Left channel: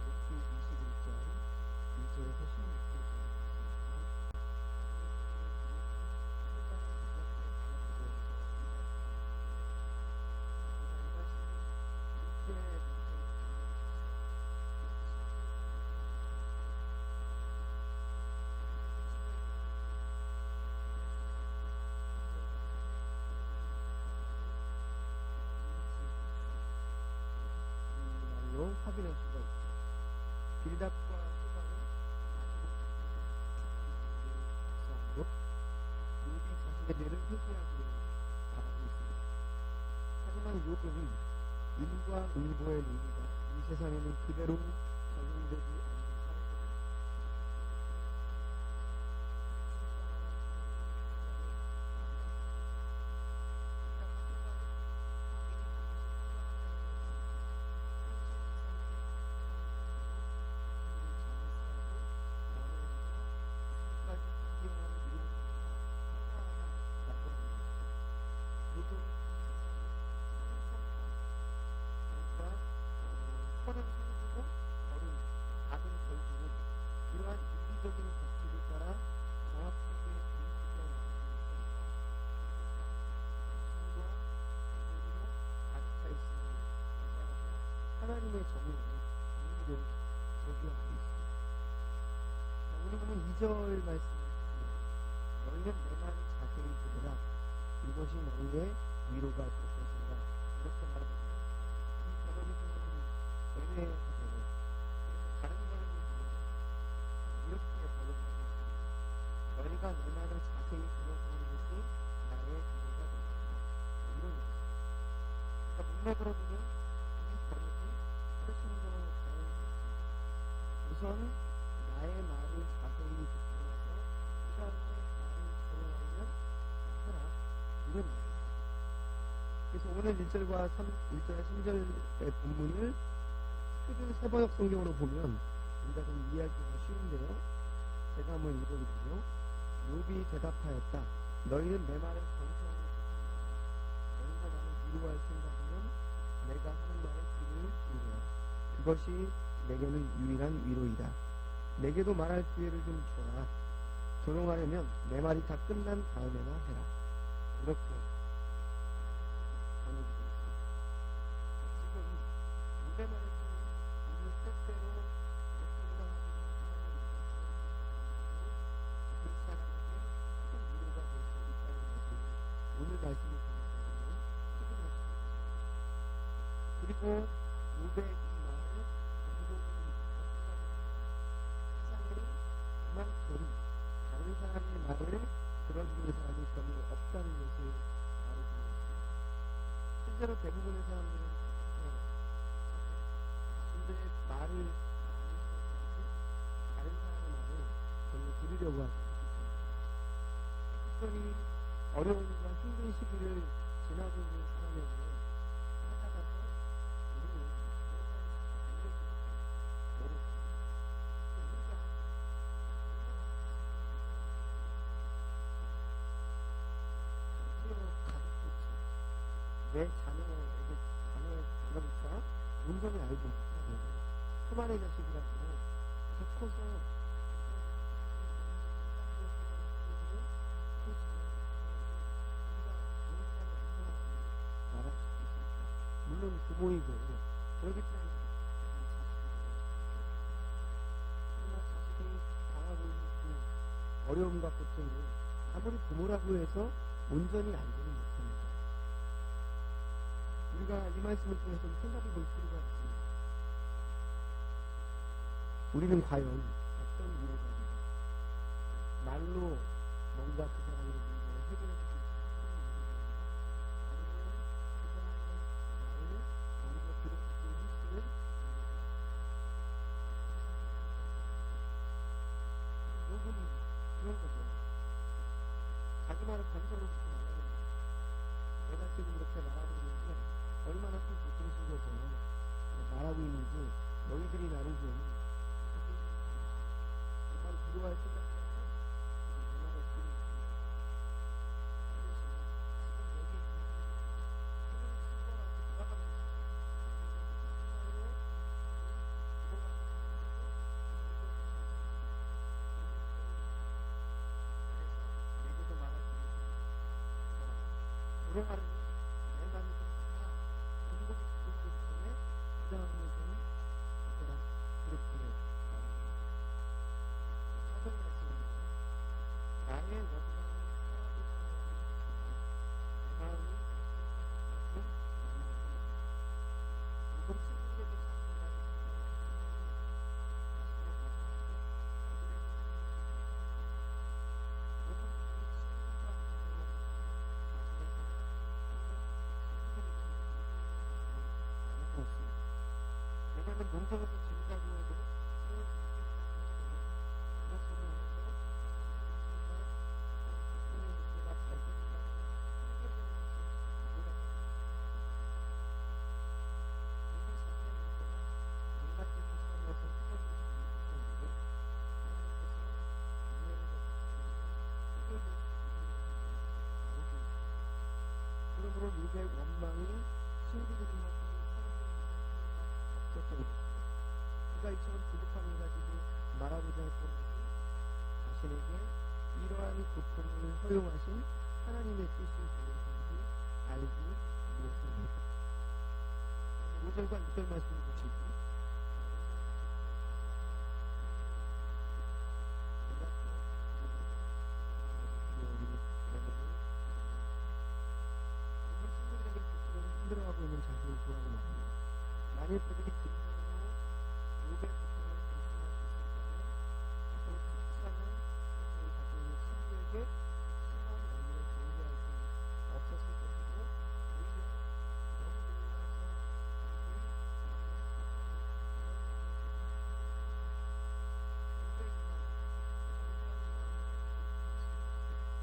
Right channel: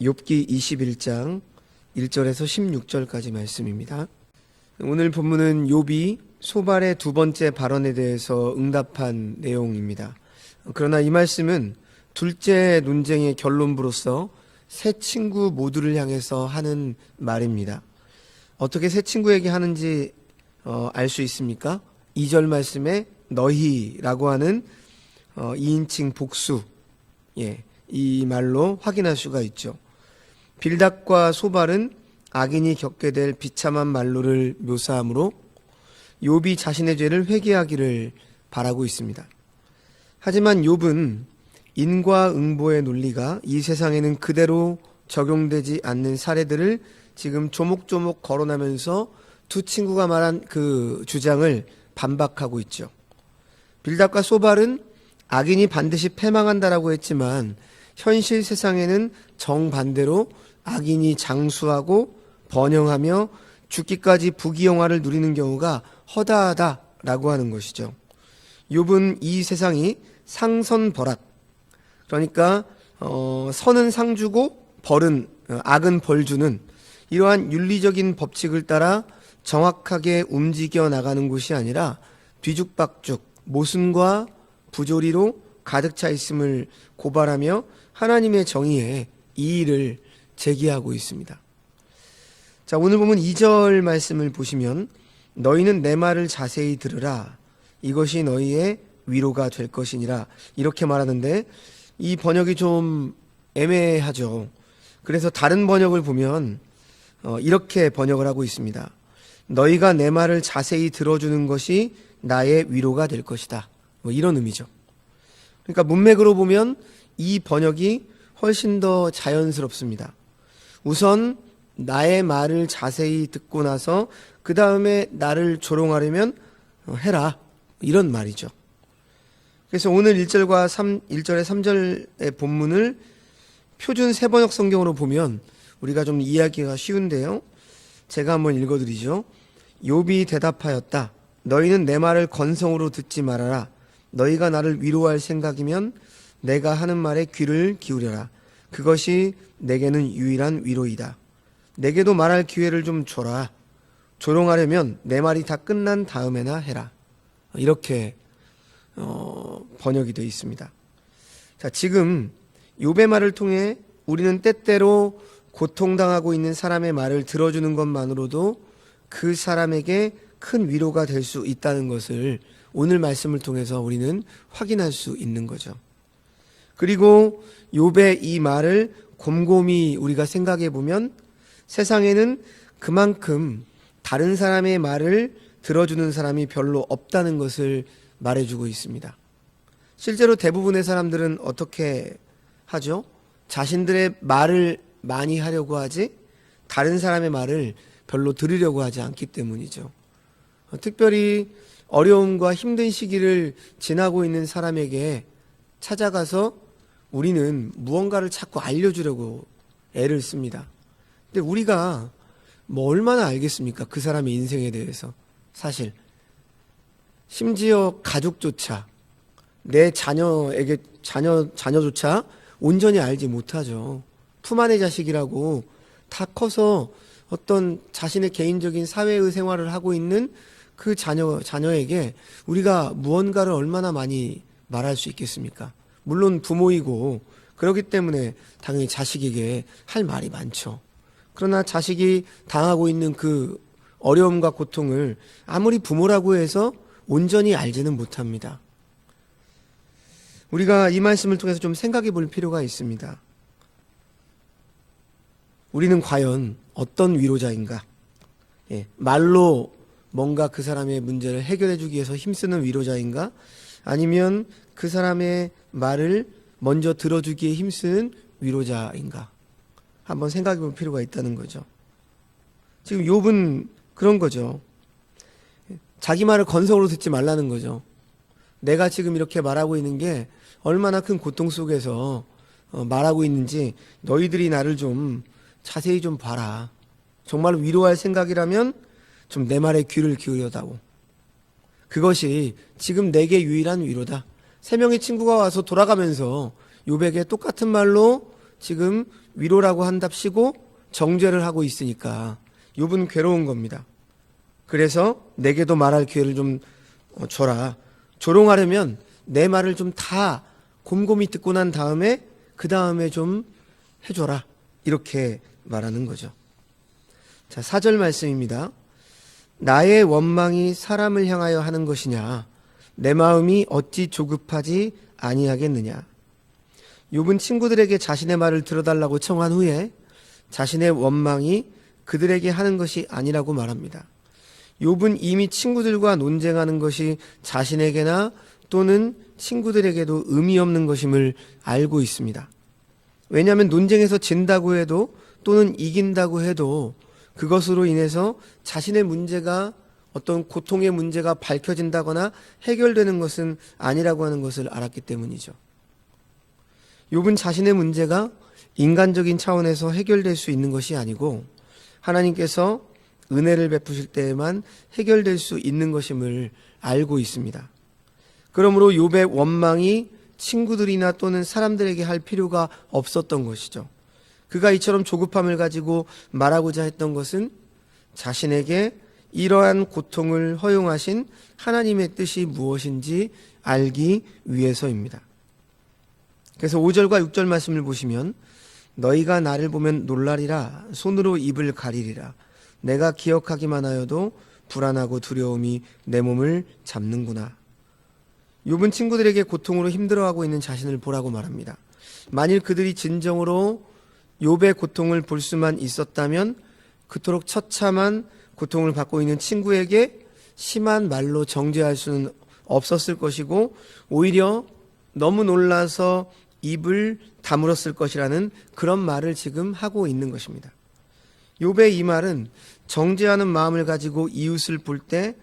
욥기 21장 1절에서 16절까지 말씀입니다. 오늘 본문은 욥이 소발의 두 번째 발언에 대해서 응답한 내용입니다. 그러나 이 말씀은 둘째 논쟁의 결론부로서 세 친구 모두를 향해서 하는 말입니다. 어떻게 세 친구에게 하는지 알 수 있습니까? 2절 말씀에 너희라고 하는 2인칭 복수, 이 말로 확인할 수가 있죠. 빌닷과 소발은 악인이 겪게 될 비참한 말로를 묘사하므로 욥이 자신의 죄를 회개하기를 바라고 있습니다. 하지만 욥은 인과응보의 논리가 이 세상에는 그대로 적용되지 않는 사례들을 지금 조목조목 거론하면서 두 친구가 말한 그 주장을 반박하고 있죠. 빌닷과 소발은 악인이 반드시 패망한다라고 했지만 현실 세상에는 정반대로 악인이 장수하고 번영하며 죽기까지 부귀영화를 누리는 경우가 허다하다라고 하는 것이죠. 욥은 이 세상이 상선벌악, 그러니까 선은 상 주고 악은 벌 주는 이러한 윤리적인 법칙을 따라 정확하게 움직여 나가는 곳이 아니라 뒤죽박죽 모순과 부조리로 가득 차 있음을 고발하며 하나님의 정의에 이의를 제기하고 있습니다. 자, 오늘 보면 2절 말씀을 보시면 너희는 내 말을 자세히 들으라, 이것이 너희의 위로가 될 것이니라, 이렇게 말하는데 이 번역이 좀 애매하죠. 그래서 다른 번역을 보면 이렇게 번역을 하고 있습니다. 너희가 내 말을 자세히 들어주는 것이 나의 위로가 될 것이다, 이런 의미죠. 그러니까 문맥으로 보면 이 번역이 훨씬 더 자연스럽습니다. 우선 나의 말을 자세히 듣고 나서 그 다음에 나를 조롱하려면 해라, 이런 말이죠. 그래서 오늘 1절과 1절의 3절의 본문을 표준 세번역 성경으로 보면 우리가 좀 이해하기가 쉬운데요, 제가 한번 읽어드리죠. 욥이 대답하였다. 너희는 내 말을 건성으로 듣지 말아라. 너희가 나를 위로할 생각이면 내가 하는 말에 귀를 기울여라. 그것이 내게는 유일한 위로이다. 내게도 말할 기회를 좀 줘라. 조롱하려면 내 말이 다 끝난 다음에나 해라. 이렇게 번역이 되어 있습니다. 자, 지금 욥의 말을 통해 우리는 때때로 고통당하고 있는 사람의 말을 들어주는 것만으로도 그 사람에게 큰 위로가 될 수 있다는 것을 오늘 말씀을 통해서 우리는 확인할 수 있는 거죠. 그리고 욥의 이 말을 곰곰이 우리가 생각해 보면 세상에는 그만큼 다른 사람의 말을 들어주는 사람이 별로 없다는 것을 말해주고 있습니다. 실제로 대부분의 사람들은 어떻게 하죠? 자신들의 말을 많이 하려고 하지 다른 사람의 말을 별로 들으려고 하지 않기 때문이죠. 특별히 어려움과 힘든 시기를 지나고 있는 사람에게 찾아가서 우리는 무언가를 자꾸 알려주려고 애를 씁니다. 근데 우리가 얼마나 알겠습니까? 그 사람의 인생에 대해서. 사실 심지어 가족조차, 내 자녀조차 온전히 알지 못하죠. 품 안의 자식이라고 다 커서 어떤 자신의 개인적인 사회의 생활을 하고 있는 그 자녀에게 우리가 무언가를 얼마나 많이 말할 수 있겠습니까? 물론 부모이고 그렇기 때문에 당연히 자식에게 할 말이 많죠. 그러나 자식이 당하고 있는 그 어려움과 고통을 아무리 부모라고 해서 온전히 알지는 못합니다. 우리가 이 말씀을 통해서 좀 생각해 볼 필요가 있습니다. 우리는 과연 어떤 위로자인가? 말로 뭔가 그 사람의 문제를 해결해 주기 위해서 힘쓰는 위로자인가? 아니면 그 사람의 말을 먼저 들어주기에 힘쓰는 위로자인가? 한번 생각해 볼 필요가 있다는 거죠. 지금 욥은 그런 거죠. 자기 말을 건성으로 듣지 말라는 거죠. 내가 지금 이렇게 말하고 있는 게 얼마나 큰 고통 속에서 말하고 있는지 너희들이 나를 좀 자세히 좀 봐라. 정말 위로할 생각이라면 좀 내 말에 귀를 기울여다오. 그것이 지금 내게 유일한 위로다. 세 명의 친구가 와서 돌아가면서 욥에게 똑같은 말로 지금 위로라고 한답시고 정죄를 하고 있으니까 욥은 괴로운 겁니다. 그래서 내게도 말할 기회를 좀 줘라. 조롱하려면 내 말을 좀 다 곰곰이 듣고 난 다음에 그 다음에 좀 해줘라. 이렇게 말하는 거죠. 자, 4절 말씀입니다. 나의 원망이 사람을 향하여 하는 것이냐? 내 마음이 어찌 조급하지 아니하겠느냐? 욥은 친구들에게 자신의 말을 들어달라고 청한 후에 자신의 원망이 그들에게 하는 것이 아니라고 말합니다. 욥은 이미 친구들과 논쟁하는 것이 자신에게나 또는 친구들에게도 의미 없는 것임을 알고 있습니다. 왜냐하면 논쟁에서 진다고 해도 또는 이긴다고 해도 그것으로 인해서 자신의 문제가 어떤 고통의 문제가 밝혀진다거나 해결되는 것은 아니라고 하는 것을 알았기 때문이죠. 욥은 자신의 문제가 인간적인 차원에서 해결될 수 있는 것이 아니고 하나님께서 은혜를 베푸실 때에만 해결될 수 있는 것임을 알고 있습니다. 그러므로 욥의 원망이 친구들이나 또는 사람들에게 할 필요가 없었던 것이죠. 그가 이처럼 조급함을 가지고 말하고자 했던 것은 자신에게 이러한 고통을 허용하신 하나님의 뜻이 무엇인지 알기 위해서입니다. 그래서 5절과 6절 말씀을 보시면 너희가 나를 보면 놀라리라 손으로 입을 가리리라 내가 기억하기만 하여도 불안하고 두려움이 내 몸을 잡는구나. 욥은 친구들에게 고통으로 힘들어하고 있는 자신을 보라고 말합니다. 만일 그들이 진정으로 욥의 고통을 볼 수만 있었다면 그토록 처참한 고통을 받고 있는 친구에게 심한 말로 정죄할 수는 없었을 것이고 오히려 너무 놀라서 입을 다물었을 것이라는 그런 말을 지금 하고 있는 것입니다. 욥의 이 말은 정죄하는 마음을 가지고 이웃을 볼 때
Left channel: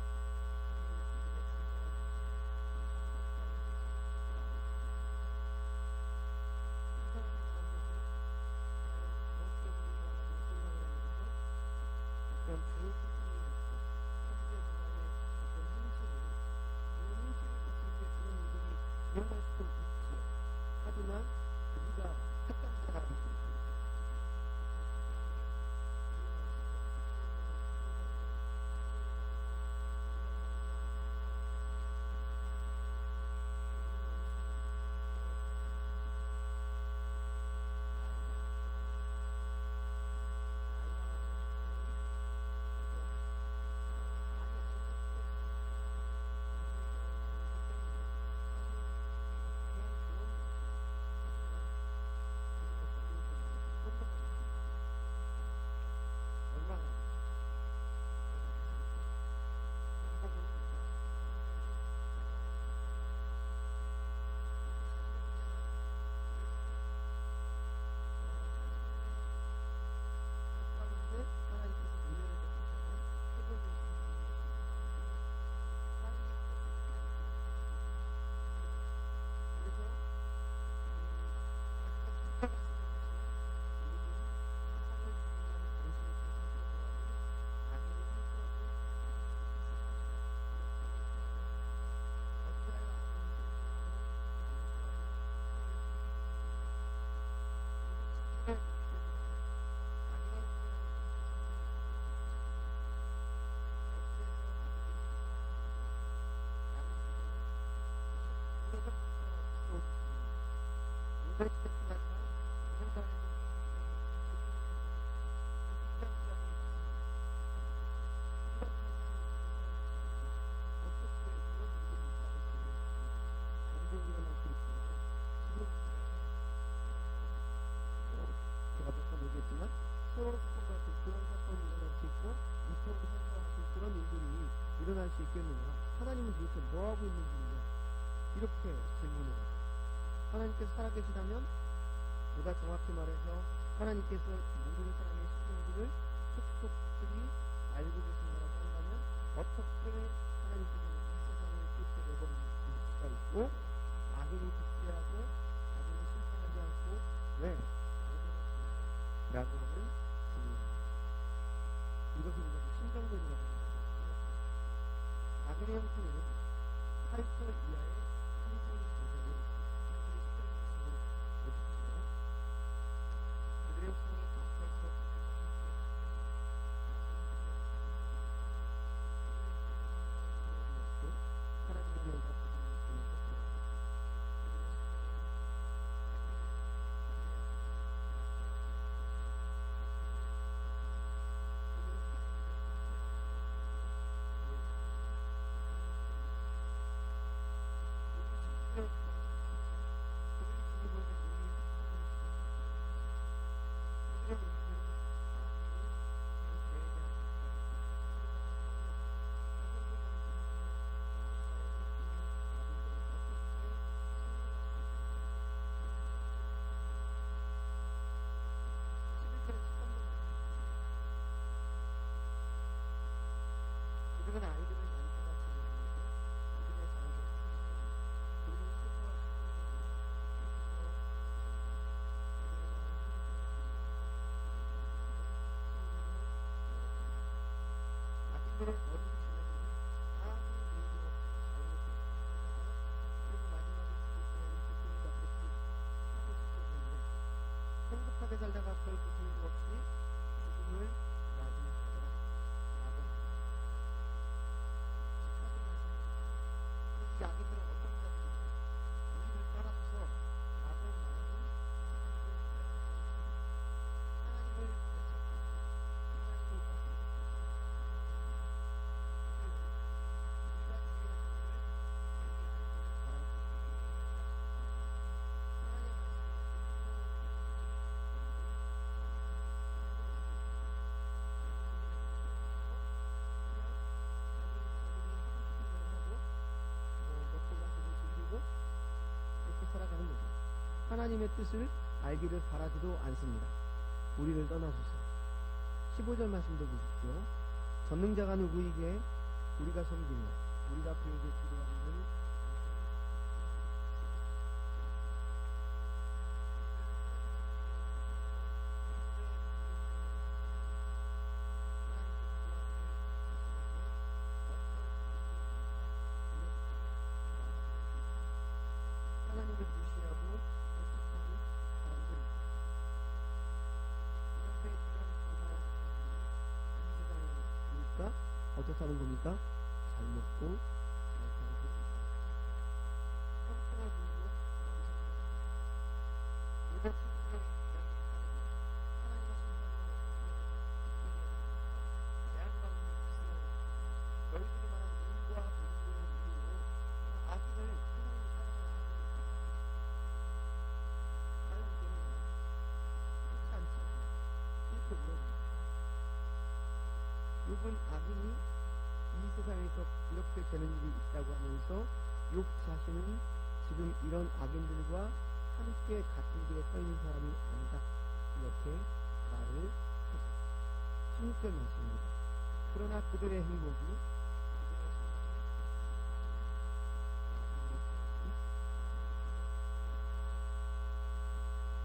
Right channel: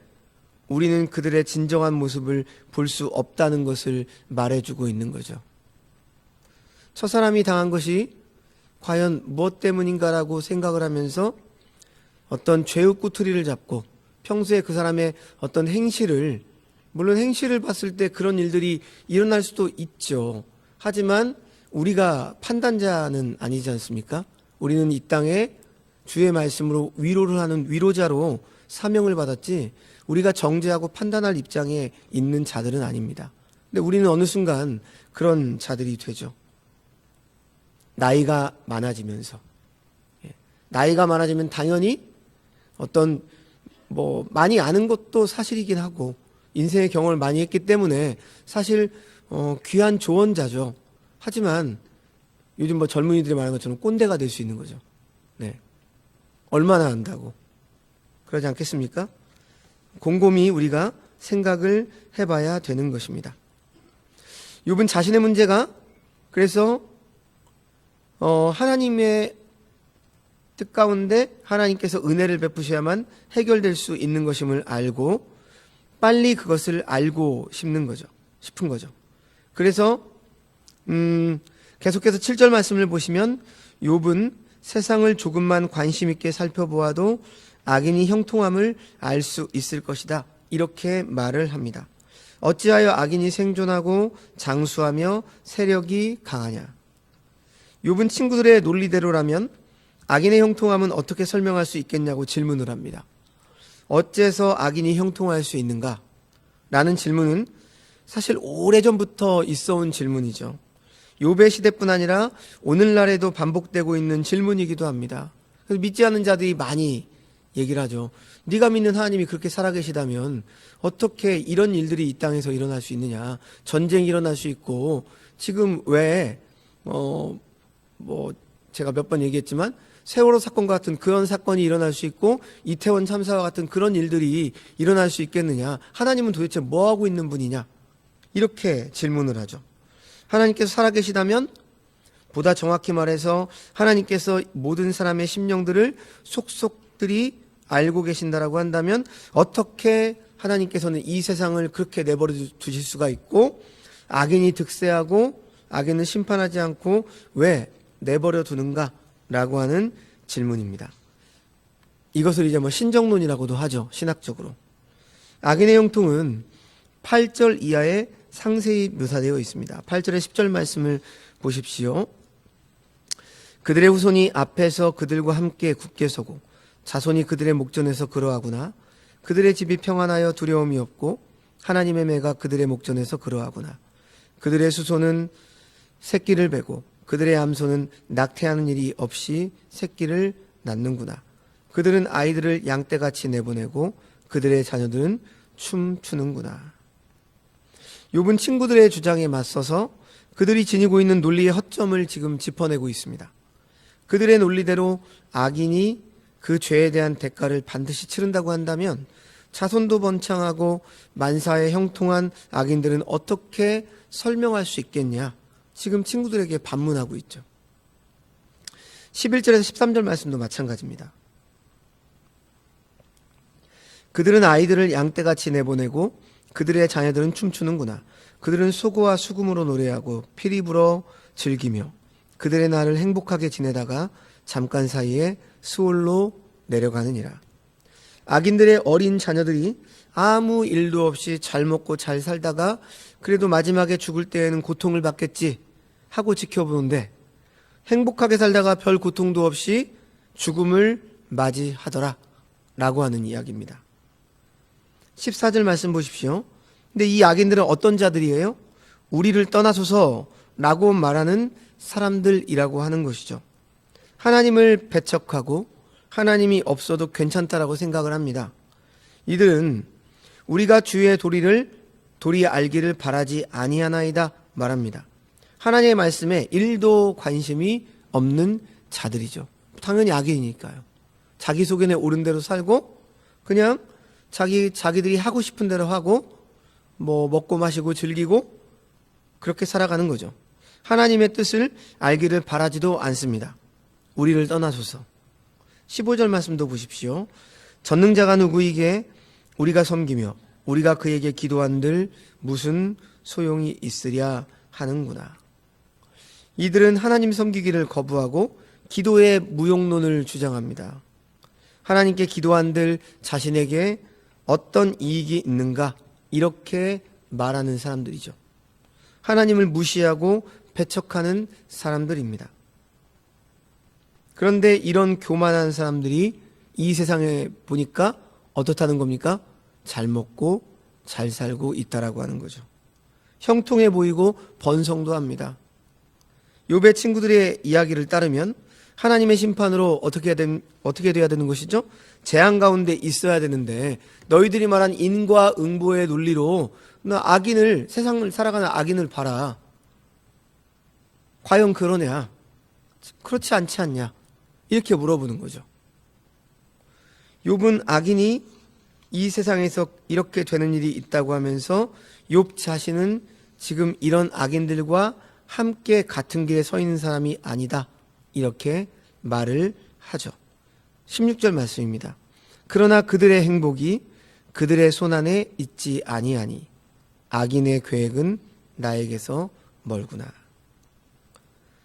우리는 그들의 진정한 모습을 볼 수 없다는 것을 말해주고 있는 거죠. 저 사람이 당한 것이 과연 무엇 때문인가라고 생각을 하면서 어떤 죄의 꼬투리를 잡고 평소에 그 사람의 어떤 행실을, 물론 행실을 봤을 때 그런 일들이 일어날 수도 있죠. 하지만 우리가 판단자는 아니지 않습니까? 우리는 이 땅에 주의 말씀으로 위로를 하는 위로자로 사명을 받았지 우리가 정죄하고 판단할 입장에 있는 자들은 아닙니다. 근데 우리는 어느 순간 그런 자들이 되죠. 나이가 많아지면서 나이가 많아지면 당연히 어떤 많이 아는 것도 사실이긴 하고 인생의 경험을 많이 했기 때문에 사실 귀한 조언자죠. 하지만 요즘 젊은이들이 말하는 것처럼 꼰대가 될 수 있는 거죠. 네. 얼마나 안다고 그러지 않겠습니까? 곰곰이 우리가 생각을 해봐야 되는 것입니다. 욥은 자신의 문제가 그래서 하나님의 뜻 가운데 하나님께서 은혜를 베푸셔야만 해결될 수 있는 것임을 알고 빨리 그것을 알고 싶은 거죠. 그래서 계속해서 7절 말씀을 보시면 욥은 세상을 조금만 관심 있게 살펴보아도 악인이 형통함을 알 수 있을 것이다. 이렇게 말을 합니다. 어찌하여 악인이 생존하고 장수하며 세력이 강하냐. 욥은 친구들의 논리대로라면 악인의 형통함은 어떻게 설명할 수 있겠냐고 질문을 합니다. 어째서 악인이 형통할 수 있는가? 라는 질문은 사실 오래전부터 있어온 질문이죠. 욥의 시대뿐 아니라 오늘날에도 반복되고 있는 질문이기도 합니다. 그래서 믿지 않는 자들이 많이 얘기를 하죠. 네가 믿는 하나님이 그렇게 살아계시다면 어떻게 이런 일들이 이 땅에서 일어날 수 있느냐. 전쟁이 일어날 수 있고 지금 왜 제가 몇 번 얘기했지만 세월호 사건 같은 그런 사건이 일어날 수 있고 이태원 참사와 같은 그런 일들이 일어날 수 있겠느냐. 하나님은 도대체 뭐하고 있는 분이냐. 이렇게 질문을 하죠. 하나님께서 살아계시다면 보다 정확히 말해서 하나님께서 모든 사람의 심령들을 속속들이 알고 계신다라고 한다면 어떻게 하나님께서는 이 세상을 그렇게 내버려 두실 수가 있고 악인이 득세하고 악인은 심판하지 않고 왜 내버려 두는가 라고 하는 질문입니다. 이것을 이제 신정론이라고도 하죠. 신학적으로. 악인의 형통은 8절 이하에 상세히 묘사되어 있습니다. 8절의 10절 말씀을 보십시오. 그들의 후손이 앞에서 그들과 함께 굳게 서고 자손이 그들의 목전에서 그러하구나. 그들의 집이 평안하여 두려움이 없고 하나님의 매가 그들의 목전에서 그러하구나. 그들의 수소는 새끼를 베고 그들의 암소는 낙태하는 일이 없이 새끼를 낳는구나. 그들은 아이들을 양떼같이 내보내고 그들의 자녀들은 춤추는구나. 욥은 친구들의 주장에 맞서서 그들이 지니고 있는 논리의 허점을 지금 짚어내고 있습니다. 그들의 논리대로 악인이 그 죄에 대한 대가를 반드시 치른다고 한다면 자손도 번창하고 만사에 형통한 악인들은 어떻게 설명할 수 있겠냐? 지금 친구들에게 반문하고 있죠. 11절에서 13절 말씀도 마찬가지입니다. 그들은 아이들을 양떼같이 내보내고 그들의 자녀들은 춤추는구나. 그들은 소고와 수금으로 노래하고 피리 불어 즐기며 그들의 날을 행복하게 지내다가 잠깐 사이에 수월로 내려가느니라. 악인들의 어린 자녀들이 아무 일도 없이 잘 먹고 잘 살다가 그래도 마지막에 죽을 때에는 고통을 받겠지 하고 지켜보는데 행복하게 살다가 별 고통도 없이 죽음을 맞이하더라 라고 하는 이야기입니다. 14절 말씀 보십시오. 근데 이 악인들은 어떤 자들이에요? 우리를 떠나소서 라고 말하는 사람들이라고 하는 것이죠. 하나님을 배척하고 하나님이 없어도 괜찮다라고 생각을 합니다. 이들은 우리가 주의 도리 알기를 바라지 아니하나이다 말합니다. 하나님의 말씀에 1도 관심이 없는 자들이죠. 당연히 악인이니까요. 자기 속에 오른 대로 살고 그냥 자기들이 하고 싶은 대로 하고 뭐 먹고 마시고 즐기고 그렇게 살아가는 거죠. 하나님의 뜻을 알기를 바라지도 않습니다. 우리를 떠나소서. 15절 말씀도 보십시오. 전능자가 누구이게 우리가 섬기며 우리가 그에게 기도한들 무슨 소용이 있으랴 하는구나. 이들은 하나님 섬기기를 거부하고 기도의 무용론을 주장합니다. 하나님께 기도한들 자신에게 어떤 이익이 있는가 이렇게 말하는 사람들이죠. 하나님을 무시하고 배척하는 사람들입니다. 그런데 이런 교만한 사람들이 이 세상에 보니까 어떻다는 겁니까? 잘 먹고 잘 살고 있다라고 하는 거죠. 형통해 보이고 번성도 합니다. 욥의 친구들의 이야기를 따르면 하나님의 심판으로 어떻게 돼야 되는 것이죠? 재앙 가운데 있어야 되는데 너희들이 말한 인과응보의 논리로 나 악인을, 세상을 살아가는 악인을 봐라. 과연 그러냐? 그렇지 않지 않냐? 이렇게 물어보는 거죠. 욥은 악인이 이 세상에서 이렇게 되는 일이 있다고 하면서 욥 자신은 지금 이런 악인들과 함께 같은 길에 서 있는 사람이 아니다 이렇게 말을 하죠. 16절 말씀입니다. 그러나 그들의 행복이 그들의 손안에 있지 아니하니 악인의 계획은 나에게서 멀구나.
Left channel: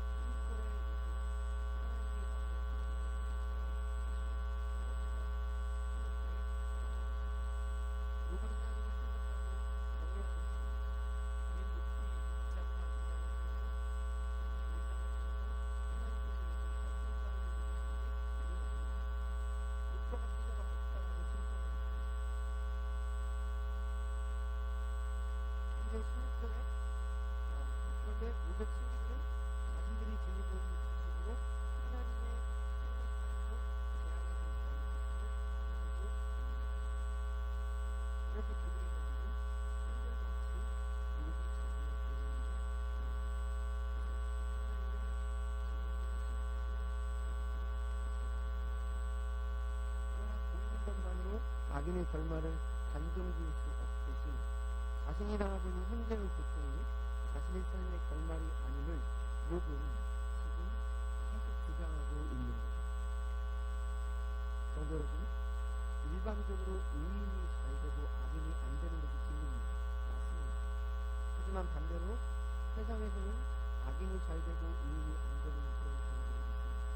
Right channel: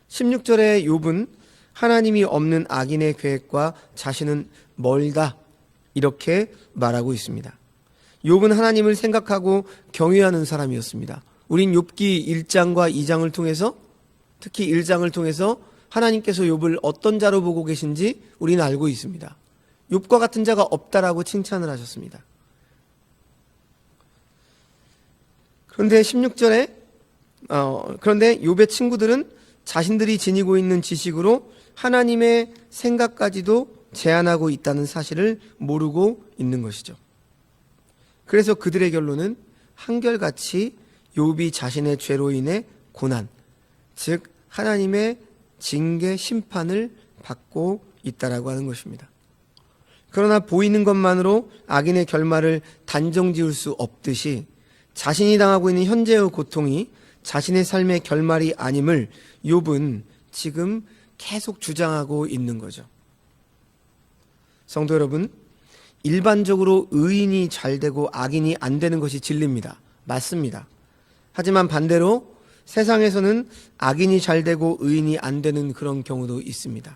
16절에 욥은 하나님이 없는 악인의 계획과 자신은 멀다 이렇게 말하고 있습니다. 욥은 하나님을 생각하고 경외하는 사람이었습니다. 우린 욥기 1장과 2장을 통해서 특히 1장을 통해서 하나님께서 욥을 어떤 자로 보고 계신지 우리는 알고 있습니다. 욥과 같은 자가 없다라고 칭찬을 하셨습니다. 그런데 16절에 그런데 욥의 친구들은 자신들이 지니고 있는 지식으로 하나님의 생각까지도 제한하고 있다는 사실을 모르고 있는 것이죠. 그래서 그들의 결론은 한결같이 욥이 자신의 죄로 인해 고난, 즉 하나님의 징계 심판을 받고 있다라고 하는 것입니다. 그러나 보이는 것만으로 악인의 결말을 단정 지을 수 없듯이 자신이 당하고 있는 현재의 고통이 자신의 삶의 결말이 아님을 욥은 지금 계속 주장하고 있는 거죠. 성도 여러분, 일반적으로 의인이 잘 되고 악인이 안 되는 것이 진리입니다. 맞습니다. 하지만 반대로 세상에서는 악인이 잘 되고 의인이 안 되는 그런 경우도 있습니다.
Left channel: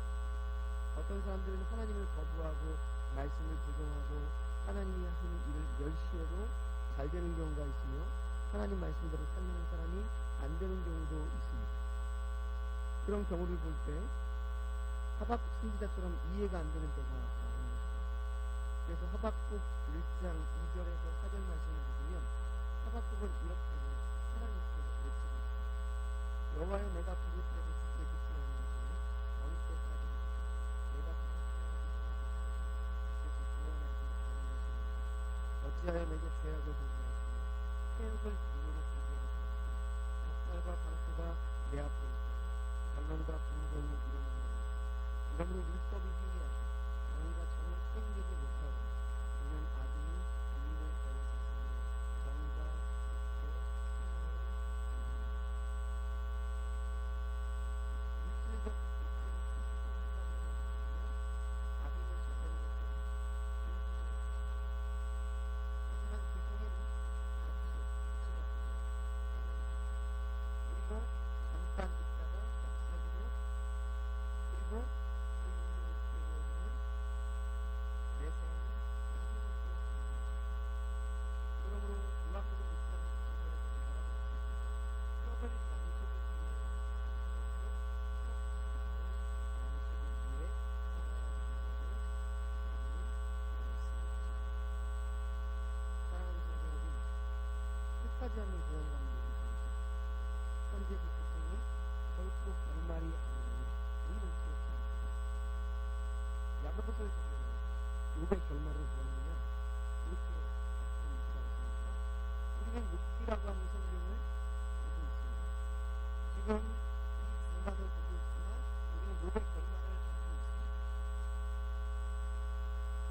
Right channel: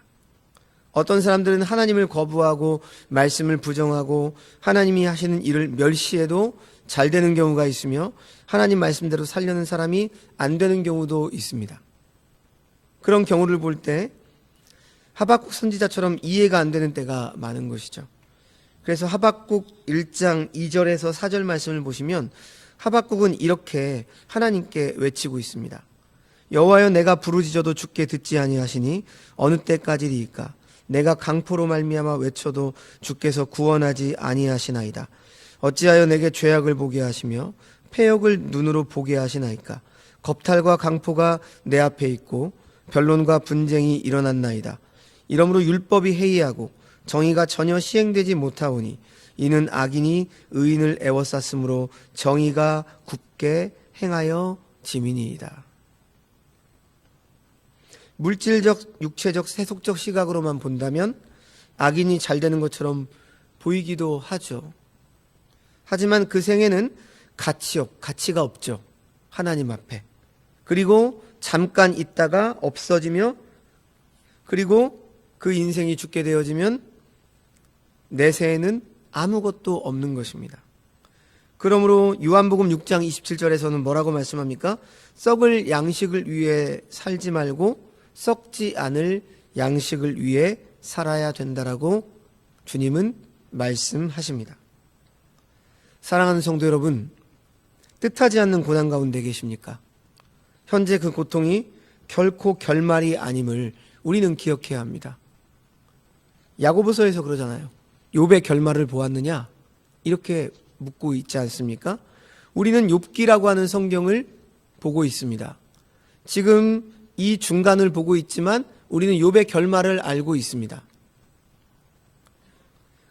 어떤 사람들은 하나님을 거부하고 말씀을 부정하고 하나님이 하시는 일을 멸시해도 잘 되는 경우가 있으며 하나님 말씀대로 살려는 사람이 안 되는 경우도 있습니다. 그런 경우를 볼 때 하박국 선지자처럼 이해가 안 되는 때가 많은 것이죠. 그래서 하박국 1장 2절에서 4절 말씀을 보시면 하박국은 이렇게 하나님께 외치고 있습니다. 여호와여, 내가 부르짖어도 주께 듣지 아니하시니 어느 때까지리이까? 내가 강포로 말미암아 외쳐도 주께서 구원하지 아니하시나이다. 어찌하여 내게 죄악을 보게 하시며 패역을 눈으로 보게 하시나이까? 겁탈과 강포가 내 앞에 있고 변론과 분쟁이 일어났나이다. 이러므로 율법이 해이하고 정의가 전혀 시행되지 못하오니 이는 악인이 의인을 애워쌌으므로 정의가 굳게 행하여 지민이이다. 물질적, 육체적, 세속적 시각으로만 본다면 악인이 잘 되는 것처럼 보이기도 하죠. 하지만 그 생애는 가치가 없죠. 하나님 앞에. 그리고 잠깐 있다가 없어지며, 그리고 그 인생이 죽게 되어지면 내세에는 아무것도 없는 것입니다. 그러므로 요한복음 6장 27절에서는 뭐라고 말씀합니까? 썩을 양식을 위해 살지 말고 썩지 않을 양식을 위해 살아야 된다라고 주님은 말씀하십니다. 사랑하는 성도 여러분, 뜻하지 않는 고난 가운데 계십니까? 현재 그 고통이 결코 결말이 아님을 우리는 기억해야 합니다. 야고보서에서 그러잖아요. 욥의 결말을 보았느냐? 이렇게 묻고 있지 않습니까? 우리는 욥기라고 하는 성경을 보고 있습니다. 지금 이 중간을 보고 있지만 우리는 욥의 결말을 알고 있습니다.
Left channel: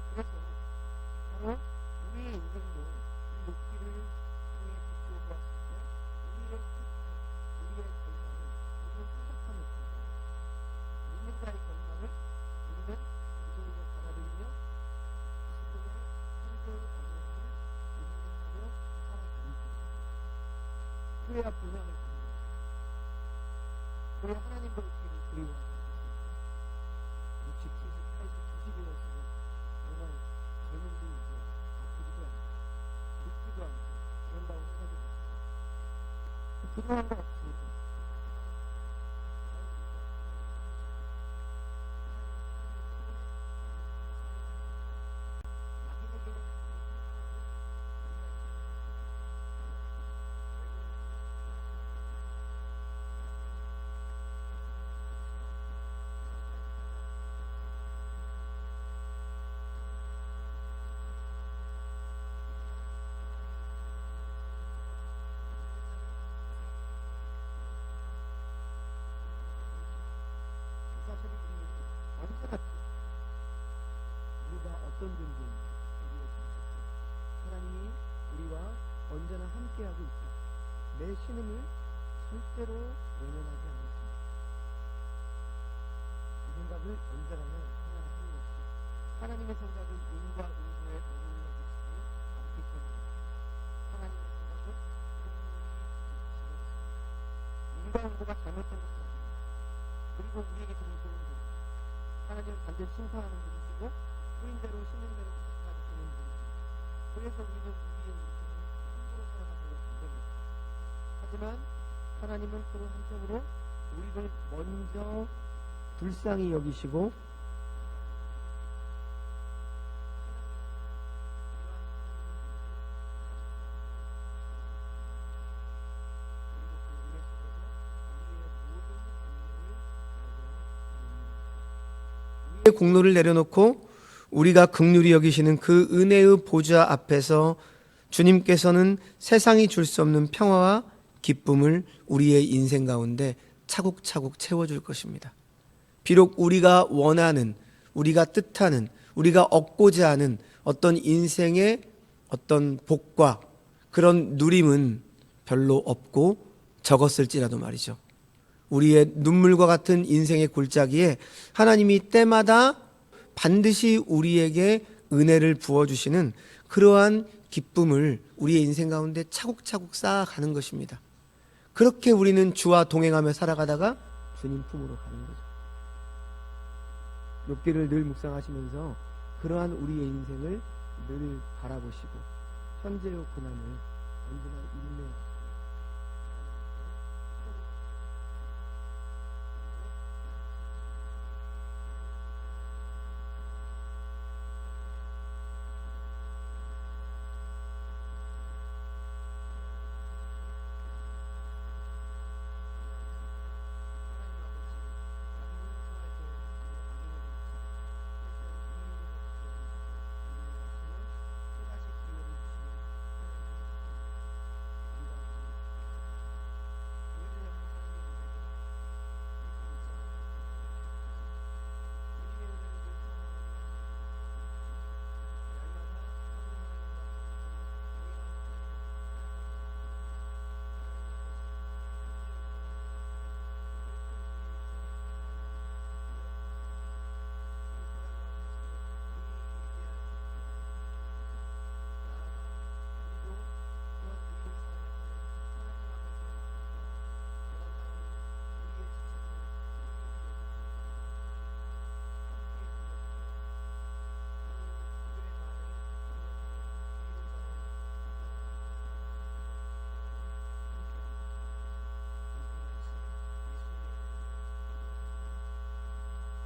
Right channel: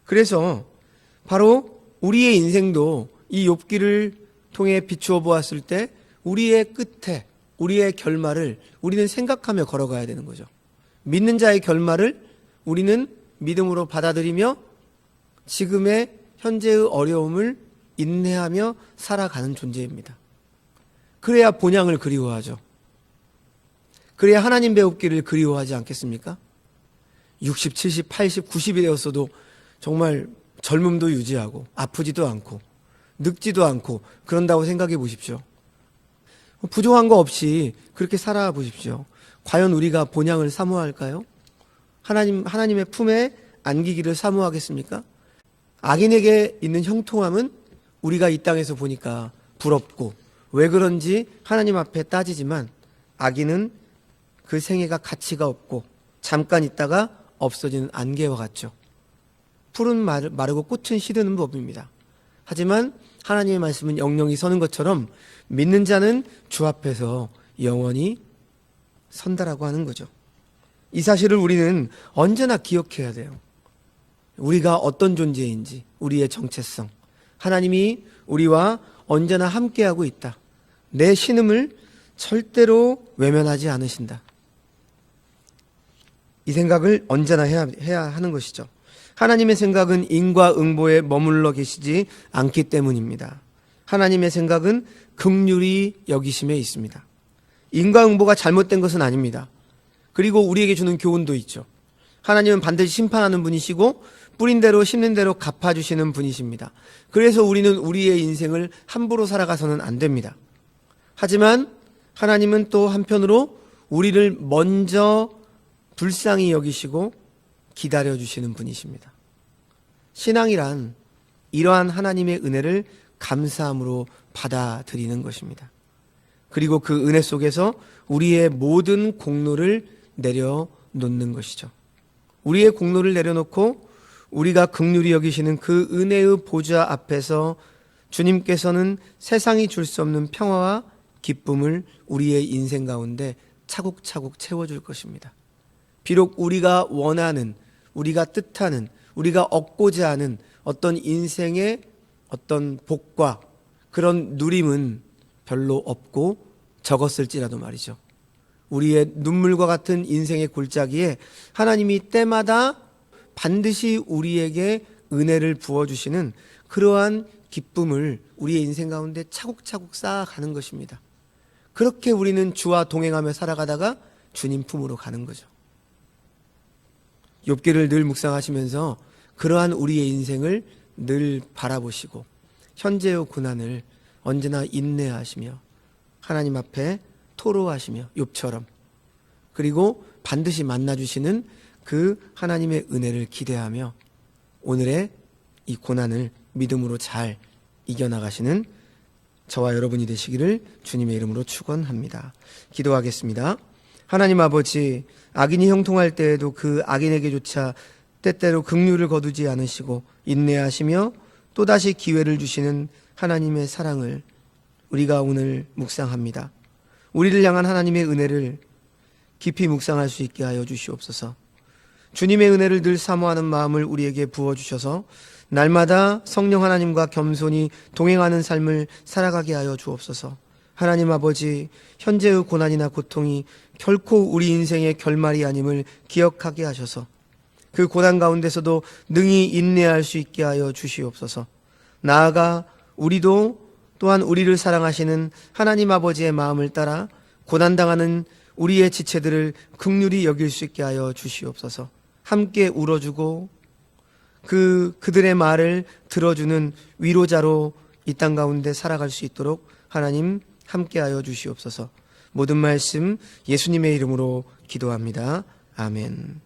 그래서 바로 우리의 인생도 이 욥기를 통해 비추어 보았을 때 우리의 끝에, 우리의 결말을 우리는 생각하며 걸어가야 되는 거죠. 믿는 자의 결말을 우리는 믿음으로 받아들이며 지금의 현재의 어려움을 인내하며 살아가는 존재입니다. 그래야 본향을 그리워하죠. 그래야 하나님 배우기를 그리워하지 않겠습니까? 60, 70, 80, 90이 되었어도 정말 젊음도 유지하고 아프지도 않고 늙지도 않고 그런다고 생각해 보십시오. 부족한 거 없이 그렇게 살아보십시오. 과연 우리가 본향을 사모할까요? 하나님의 품에 안기기를 사모하겠습니까? 악인에게 있는 형통함은 우리가 이 땅에서 보니까 부럽고 왜 그런지 하나님 앞에 따지지만 악인은 그 생애가 가치가 없고 잠깐 있다가 없어지는 안개와 같죠. 풀은 마르고 꽃은 시드는 법입니다. 하지만 하나님의 말씀은 영영이 서는 것처럼 믿는 자는 주 앞에서 영원히 선다라고 하는 거죠. 이 사실을 우리는 언제나 기억해야 돼요. 우리가 어떤 존재인지, 우리의 정체성, 하나님이 우리와 언제나 함께하고 있다. 내 신음을 절대로 외면하지 않으신다. 이 생각을 언제나 해야 하는 것이죠. 하나님의 생각은 인과응보에 머물러 계시지 않기 때문입니다. 하나님의 생각은 긍휼히 여기심에 있습니다. 인과응보가 잘못된 것은 아닙니다. 그리고 우리에게 주는 교훈도 있죠. 하나님은 반드시 심판하는 분이시고 뿌린 대로 심는 대로 갚아주시는 분이십니다. 그래서 우리는 우리의 인생을 함부로 살아가서는 안 됩니다. 하지만 하나님은 또 한편으로 우리를 먼저 불쌍히 여기시고 기다려주시는 분이십니다. 신앙이란 이러한 하나님의 은혜를 감사함으로 받아들이는 것입니다. 그리고 그 은혜 속에서 우리의 모든 공로를 내려놓는 것이죠. 우리의 공로를 내려놓고 우리가 긍휼히 여기시는 그 은혜의 보좌 앞에서 주님께서는 세상이 줄 수 없는 평화와 기쁨을 우리의 인생 가운데 차곡차곡 채워줄 것입니다. 비록 우리가 원하는, 우리가 뜻하는, 우리가 얻고자 하는 어떤 인생의 어떤 복과 그런 누림은 별로 없고 적었을지라도 말이죠. 우리의 눈물과 같은 인생의 골짜기에 하나님이 때마다 반드시 우리에게 은혜를 부어주시는 그러한 기쁨을 우리의 인생 가운데 차곡차곡 쌓아가는 것입니다. 그렇게 우리는 주와 동행하며 살아가다가 주님 품으로 가는 거죠. 욥기를 늘 묵상하시면서 그러한 우리의 인생을 늘 바라보시고 현재의 고난을 언제나 인내하시며 하나님 앞에 토로하시며 욥처럼, 그리고 반드시 만나주시는 그 하나님의 은혜를 기대하며 오늘의 이 고난을 믿음으로 잘 이겨나가시는 저와 여러분이 되시기를 주님의 이름으로 축원합니다. 기도하겠습니다. 하나님 아버지, 악인이 형통할 때에도 그 악인에게조차 때때로 긍휼을 거두지 않으시고 인내하시며 또다시 기회를 주시는 하나님의 사랑을 우리가 오늘 묵상합니다. 우리를 향한 하나님의 은혜를 깊이 묵상할 수 있게 하여 주시옵소서. 주님의 은혜를 늘 사모하는 마음을 우리에게 부어주셔서 날마다 성령 하나님과 겸손히 동행하는 삶을 살아가게 하여 주옵소서. 하나님 아버지, 현재의 고난이나 고통이 결코 우리 인생의 결말이 아님을 기억하게 하셔서 그 고난 가운데서도 능히 인내할 수 있게 하여 주시옵소서. 나아가 우리도 또한 우리를 사랑하시는 하나님 아버지의 마음을 따라 고난당하는 우리의 지체들을 긍휼히 여길 수 있게 하여 주시옵소서. 함께 울어주고 그들의 말을 들어주는 위로자로 이 땅 가운데 살아갈 수 있도록 하나님 함께하여 주시옵소서. 모든 말씀 예수님의 이름으로 기도합니다. 아멘.